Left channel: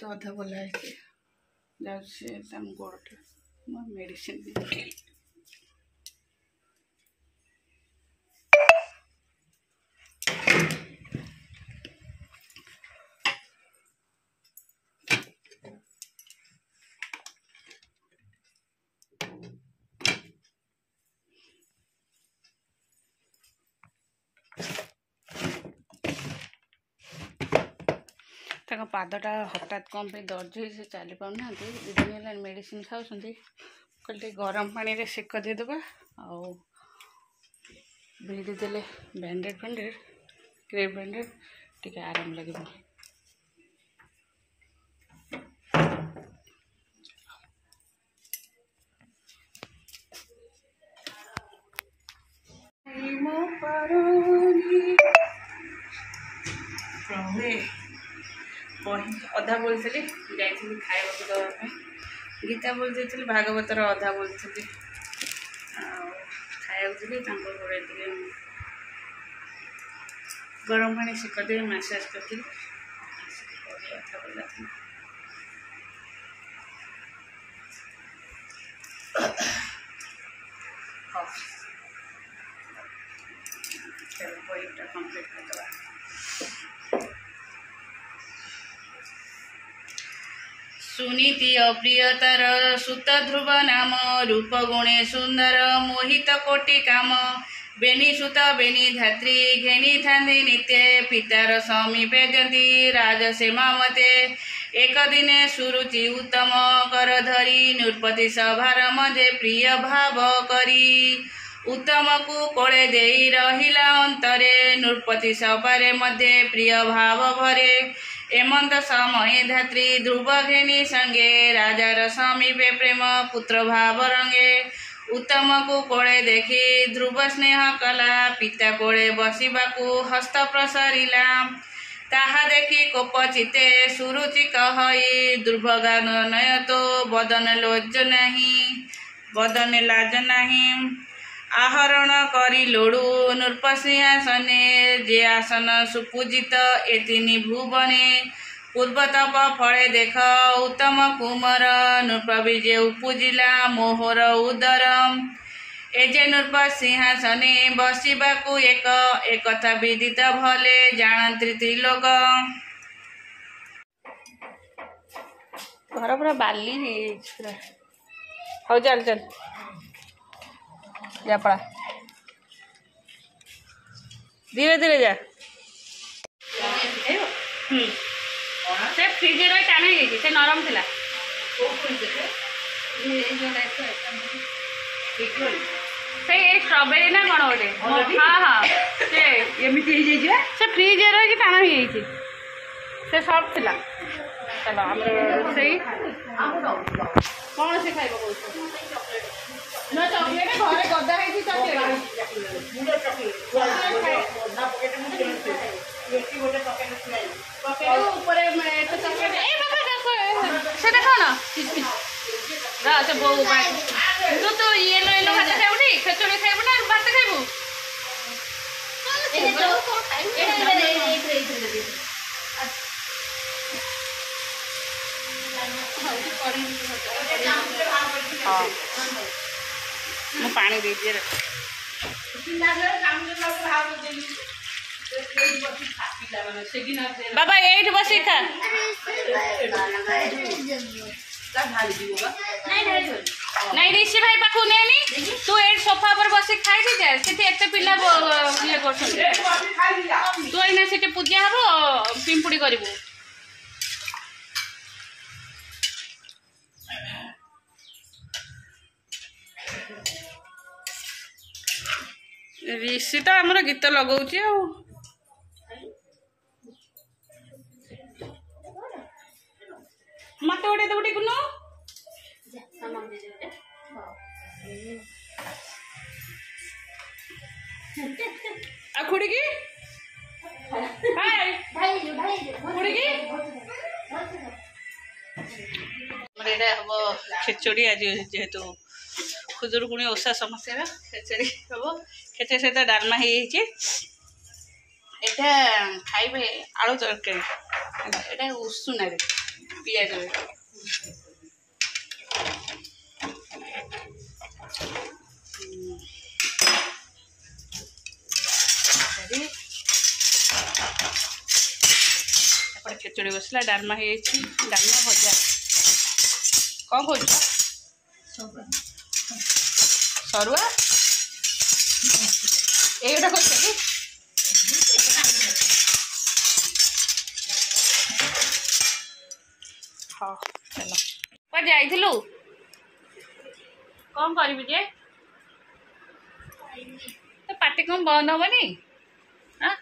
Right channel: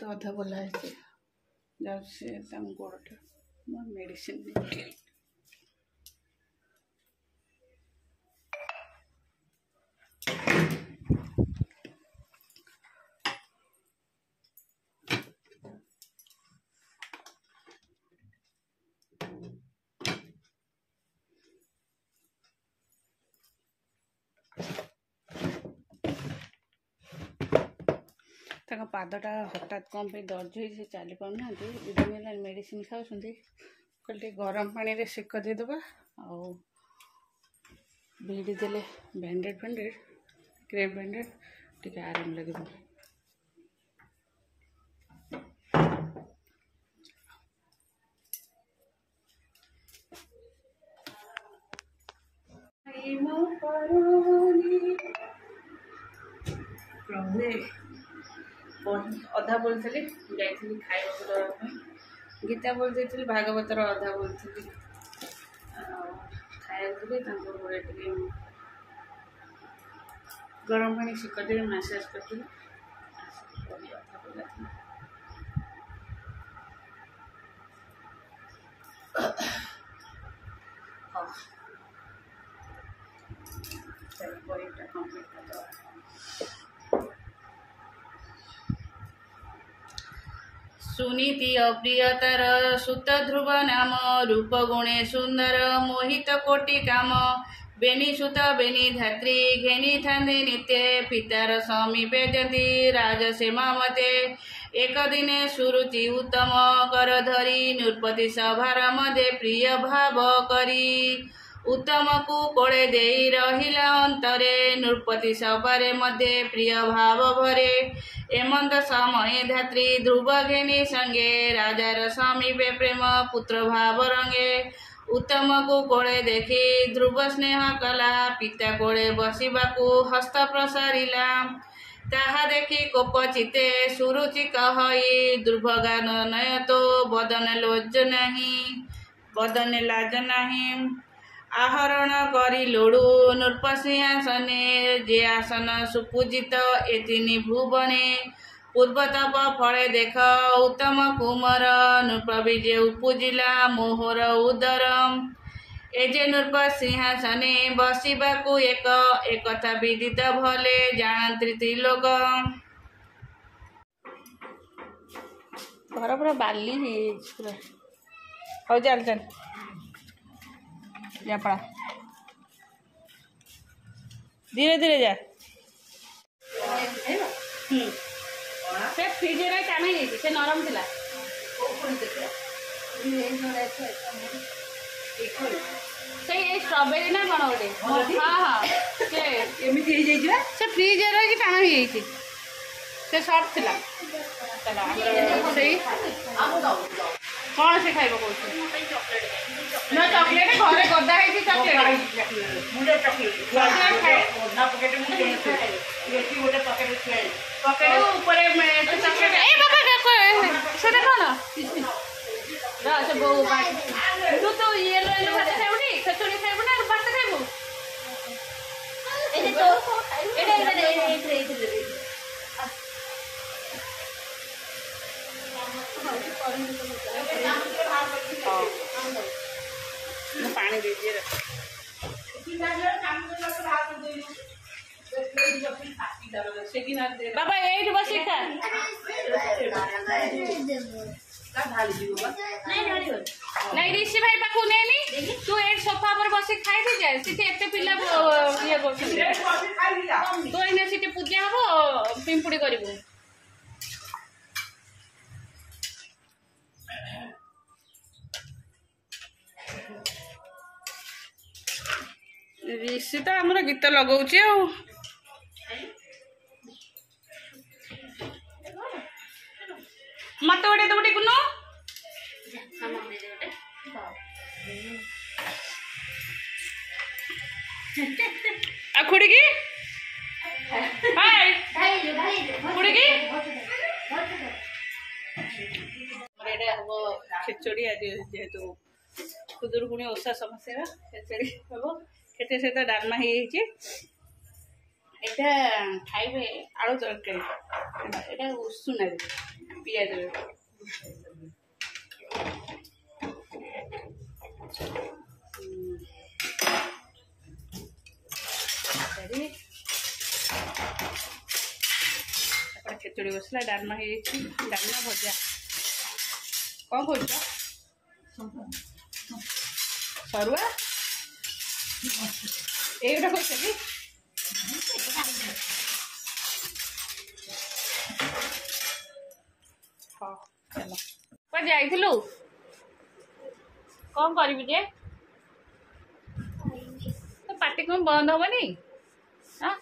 तो अधा बोला है कि गोड़ मेडिसिन पादटा हठात कौन पे दर्ज हो चली पाना दिन है मेडिसिन खाऊँ कल गरम पानी रे सेक देदेबा भिड़ी देले बैंडेड क्रेप बैंडेड टी आराम लगे। अधा बोलती जाइली खाइबा दवाई गीता बोलती भागवतर अधा बोलती खाइबी गोड़े टे गरम पानी सेक दे मैसेज करती कथा बोला हाँ चलो पॉइंटा कंप्लीट कर दवा। सुनीति अप्रियतर सुत ध्रुव नाम रूप गुणे सुंदर मोहित कोटि काम बेनी सुत बेनी धात्री घेनी थांदी नित्य पितार समीपे जंती राजसेमा मते एक दिने सुरुचि उत्तम कर धरी नृपति सभार मध्य प्रिय भाव करी उत्तम को कोड़े दे रहिला अंतरे नृपति सभारे मध्य प्रिय भाव भरे एमंत समय धात्री ध्रुव घेनी संगे राजार समीपे प्रेम पुत्र भाव रंगे उत्तम को कोड़े देखी ध्रुव स्नेह कला पिता कोड़े बसिबाकू हस्त प्रसारिला ताहा देखी कोप चिते सुरुचि कहई दुर्भगान नय तो बदन लाज नहीं आहरण करी लोड़ू नृपसिंहासने जे आसन सुपूजित एतिनि भुवने पूर्वतप फले देख उत्तम कुमार नृपविजे उपजिला मोहर उदरम एजे नृप सिंहासने बसिबाकू एक विदित भले जानती त्रिलोक घर पूरा बाली हो चल चल जा पड़ा धीरे धीरे जा से फ्रिज रे टाण हो से नरम थिला से स्ट्रॉबेरी ना कौन गोटे हाँ हाँ से फ्रिज रे टाण हो से सॉफ्ट थिला। चलो आमर से कौन से खाइबो ना चॉकलेट घरे गदा है चॉकलेट मुझे चॉकलेट ना पॉकेट में ये गोटे पॉकेट ऊपर में तो चॉकलेट ए बाबा देखो से देखो ना रा से बो तू तो ये ले लो भात खाइबुनी खचड़ी खाइबुनी और भात खाइबु ए तो ए मैं पानी दीजिए बाबा ये बसी खा नहीं ऋषि भाई पाखु नहीं तू ए सोफा पर बसी खाई थी जाए सीटे एते पिला ये करछन तू एना सीटे पूजा हबो पिंपुड़ी करिवु ऋषि तो आमर गीत लगाऊँ मत गोटे दौटे कुनु खुड़ी की खुड़ी की हम खिचड़ी आज जेहेतु खुदुरुकुणी ओषा समस्या खेचड़ी हम खेचड़ी सहित डालमा हो खाइबे आलू तरकारी उषुना पियाज खेचड़ी बसला डालमा है डालमा भजा कौन कौन सरुआ एटा कौन कि हाँ चलो पर जाइलु कौन करी जे तो पार्टी कौन बंद हेनी हाँ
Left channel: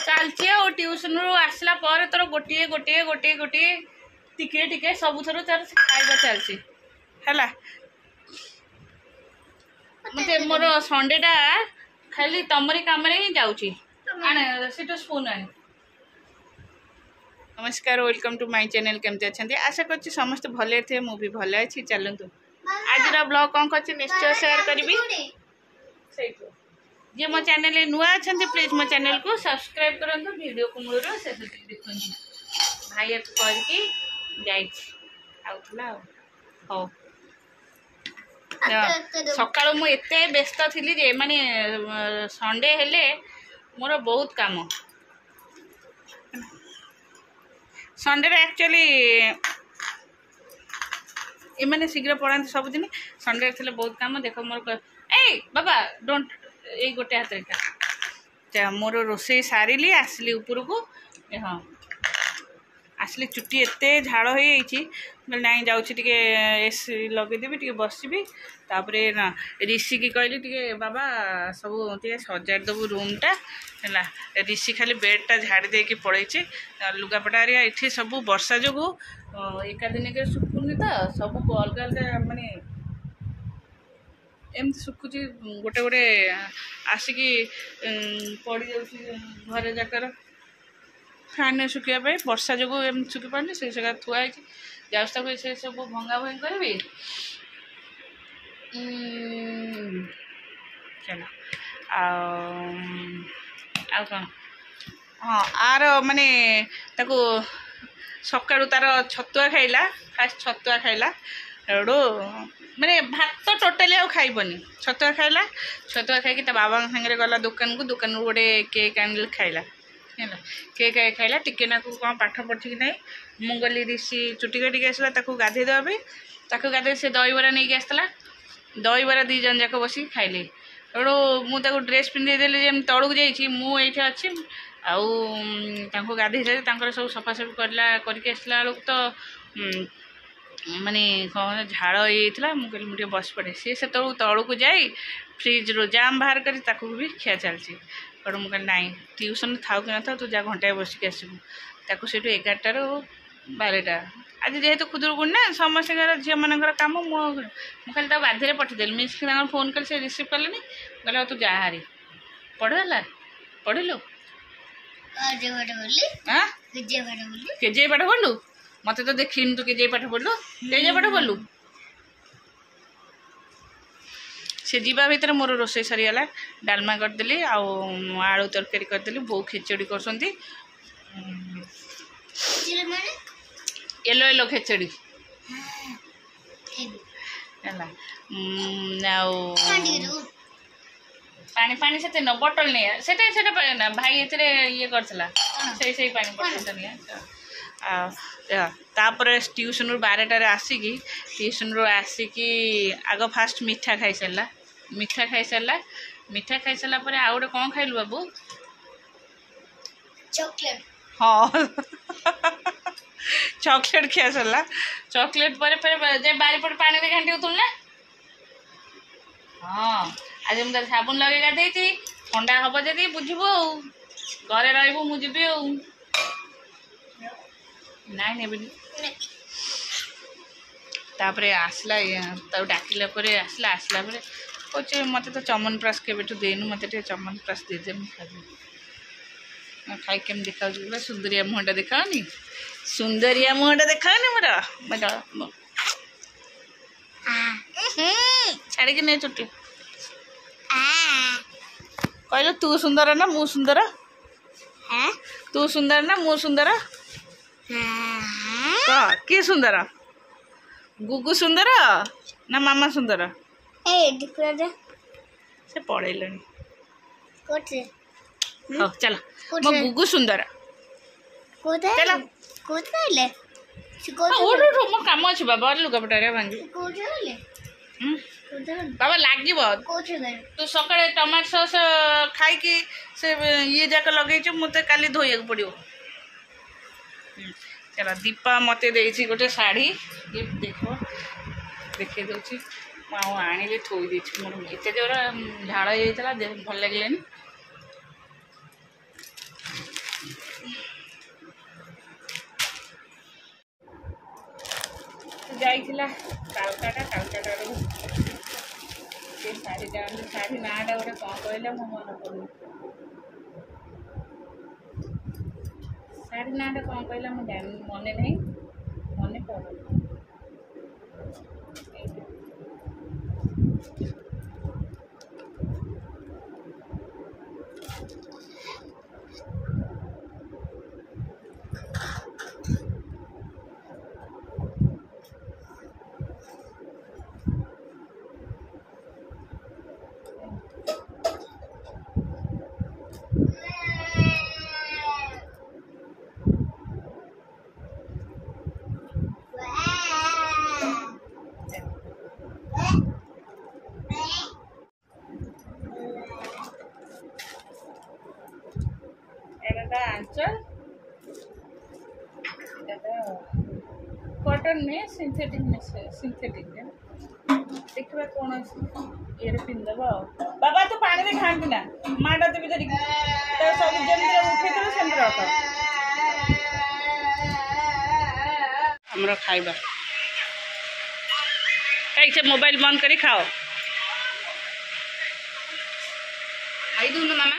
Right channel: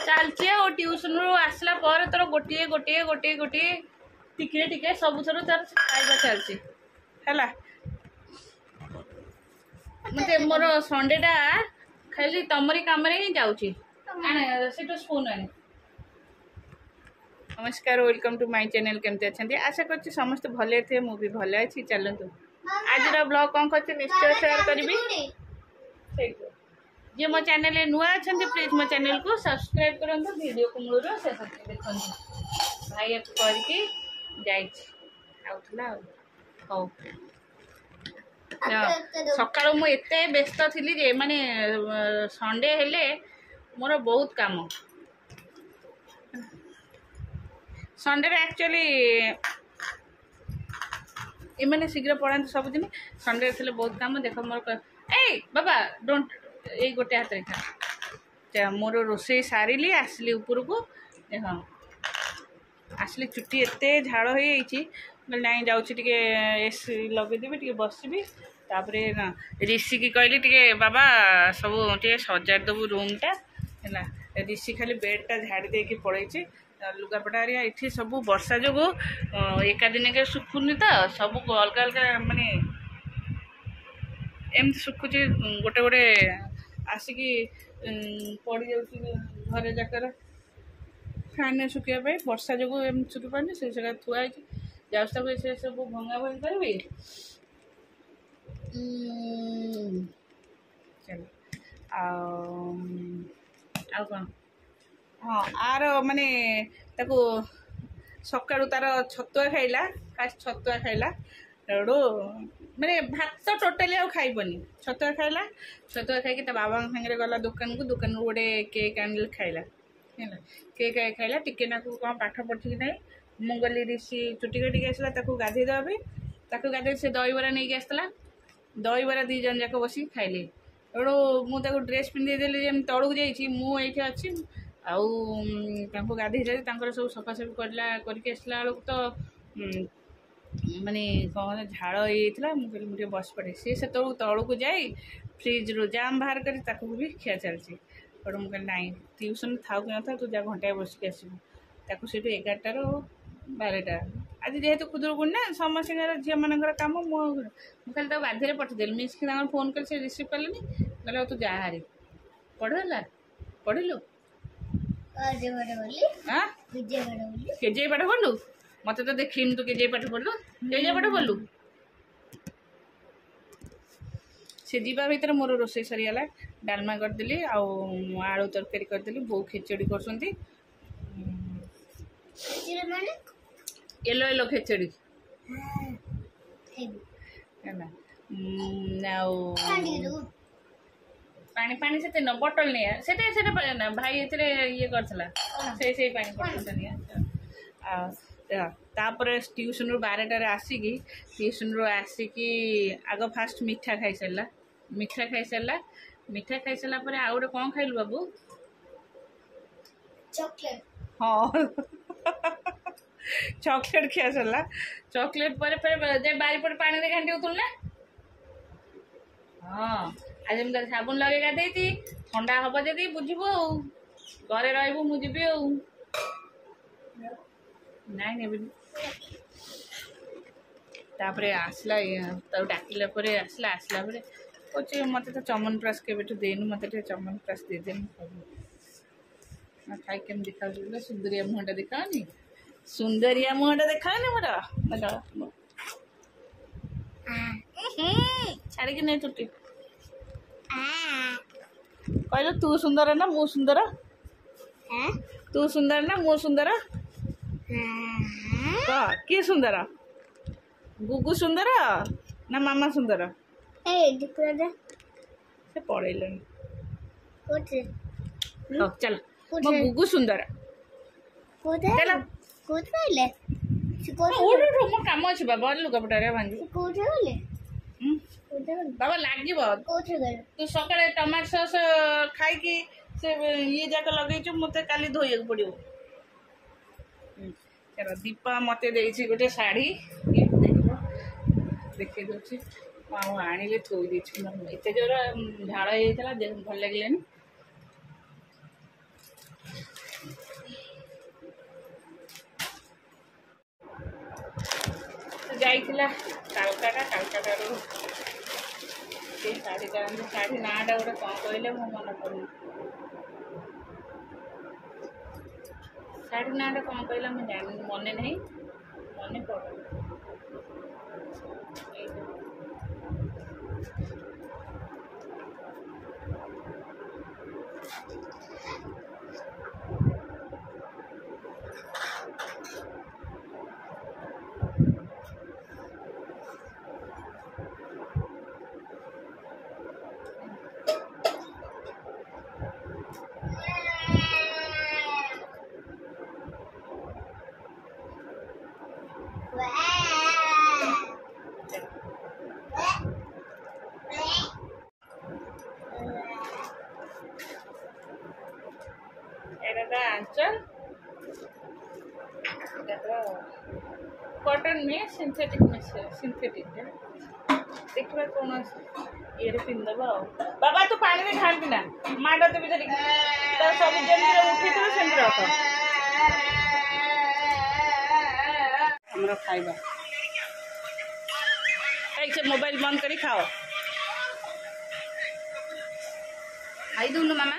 चलती ट्यूशन रू आसला पर तोर गोटे गोटे गोटे गोटे टिके टिके सब थर तार खाଇବା चलती है मत मोर संडेटा खाली तमरी कम ही जाऊँगी स्पून आने नमस्कार वेलकम टू माय चैनल केमती अच्छा आशा कर समस्त भले थे मुझे भले अच्छी चलतु आज ब्लॉग कौन कर निश्चय शेयर करी जे मो चैनल नुआ अच्छा प्लीज मो चैनल को सब्सक्राइब करूँ वीडियो को मूल शेष देखो भाई करके आउला हो सका मुझे व्यस्त थी जे माने संडे हेले मोर बहुत काम संडे एक्चुअली एमाने शीघ्र पढ़ाते सबुदिन संडे थे बहुत काम देख मोर ए बाबा डोंट ये गोटे हाथ रेखा मोर रोसे सारिली आसली ऊपर को हाँ आसली चुट्टी एत झाड़ हो ना जाऊँगी एसी लगेदेवी टे बसबी तापरे ना ऋषि की कहली टे बाबा सब टे सजाड़ देवु रूमटा है ऋषि खाली बेडटा झाड़ी देकी पड़े लुगापटा ये सब वर्षा जो एका दिन के सुखुनी तो सब अलग अलग माने एमती सुखुची गोटे गोटे आसिकी पड़ जा घरे जाकर फैन सुखापी वर्षा जो एम सुखी पानी से जगह थुआई जाऊँ से सब भंगा भंगी करी चलो आ कौन हाँ आर माने ताको सकाळु तार छतुआ खाइला फास्ट छतुआ खाइला एडो माने भात तो टोटाली आउ खाइबनी छतुआ खाइला छतुआ खाई बाबा सागर गला दुकान को दुकान गोटे केक आनिल खाइला है केक खाइला टिके ना कौन पाठ पढ़ी कि नहीं मु गली ऋषि चुटी काटिक आसला गाधे देवाई गाधे से दही बरा नहीं आसला दही बरा दी जन जाक बस खाइले एडो मुझे ड्रेस पिंधेदेली जमी तौक जाइए मुझे अच्छी आउ गाधे सब सफासफी करके आसला बेलू तो माने कौन झाड़ होता मुझे मुझे बस पड़े सी से तौक जाए फ्रिज रो जाम बाहर कर भी खिया चलती बट मुझे नाई ट्यूशन थाउ कि न था तू जा घंटाए बसिक आसबू ताकू से 11टा रू 12टा आज जेहेतु खुदुरकुणी ना समस्त झील मान कम मुझे खाली बाध्य पठेदेली मिस फोन कल से रिसीव कले कहले तू जा हारी पढ़ला पढ़लु केजे पाठ पढ़लु मत तो देखी तू केजे पाठ पढ़लु केजे पाठ पढ़लु से जीवा भर मोर रोसे सरीगला डालमा करदेली आलू तरकारी करदेली बो खेचड़ी कर येलो येलो खेचड़ी पानी पानी से न बटल नहीं से भाई ये करला से पानी बटल नहीं तापर ट्यूशन रू 12टार आसिकी ट्यूशन रू आसिकी आग फास्ट मीठा खाई सारा मीठा खाई सारा पर आउ गोटे कौन खाइलु बाबू चॉकलेट हाँ चॉकलेट खिया सरला चॉकलेट पर बारीपट पानी घाटी होतुल ना हाँ आज मुझे साबुन लगे गाधे ठंडा हम जदि बुझबू घरे रही मुझे नाई ने तापर आसला डाकिला आसला आसला कहे मत तो चमनप्राश के देनु मत चमनप्राश देदे खाई केम देखा सुंदरिया मुहटा देखाओनी सुंदरिया मुहटा देखाओनी मोर छाड़ी नहीं चुटी कहलो तू सुंदर ना मु सुंदर तू सुंदर ना मु सुंदर कह किए सुंदर गुगु सुंदर ना मामा सुंदर से पढ़ेल चल मो गुगु सुंदर चल मो कम अच्छे बाबा लुगापटा भांगी बाबा लगे तू सकाଳେ टमाटो सॉस खाई से ये जाक लगे मत काली धोई पड़ो चलो दीपा मत दे गोटे शाढ़ी ये देखे दूसरी आनी थोई दे मोर एत जोर झाड़ होता भल लगे जाइला कालकाटा शाढ़ी शाढ़ी नाटा गोटे कौन कहले मो मन पड़े शाढ़ी नाटा कौन कहला मुझे मन नहीं मन पड़ आंचल कॉटन में सिंथेटिक देखा कौन ये पिंदब बाबा तू पानी में खाती ना माटा देवी धरिक तो सब जमी उठे सेम रख हमर खाइबा से मोबाइल बंद करी खाओ आई दूँ मामा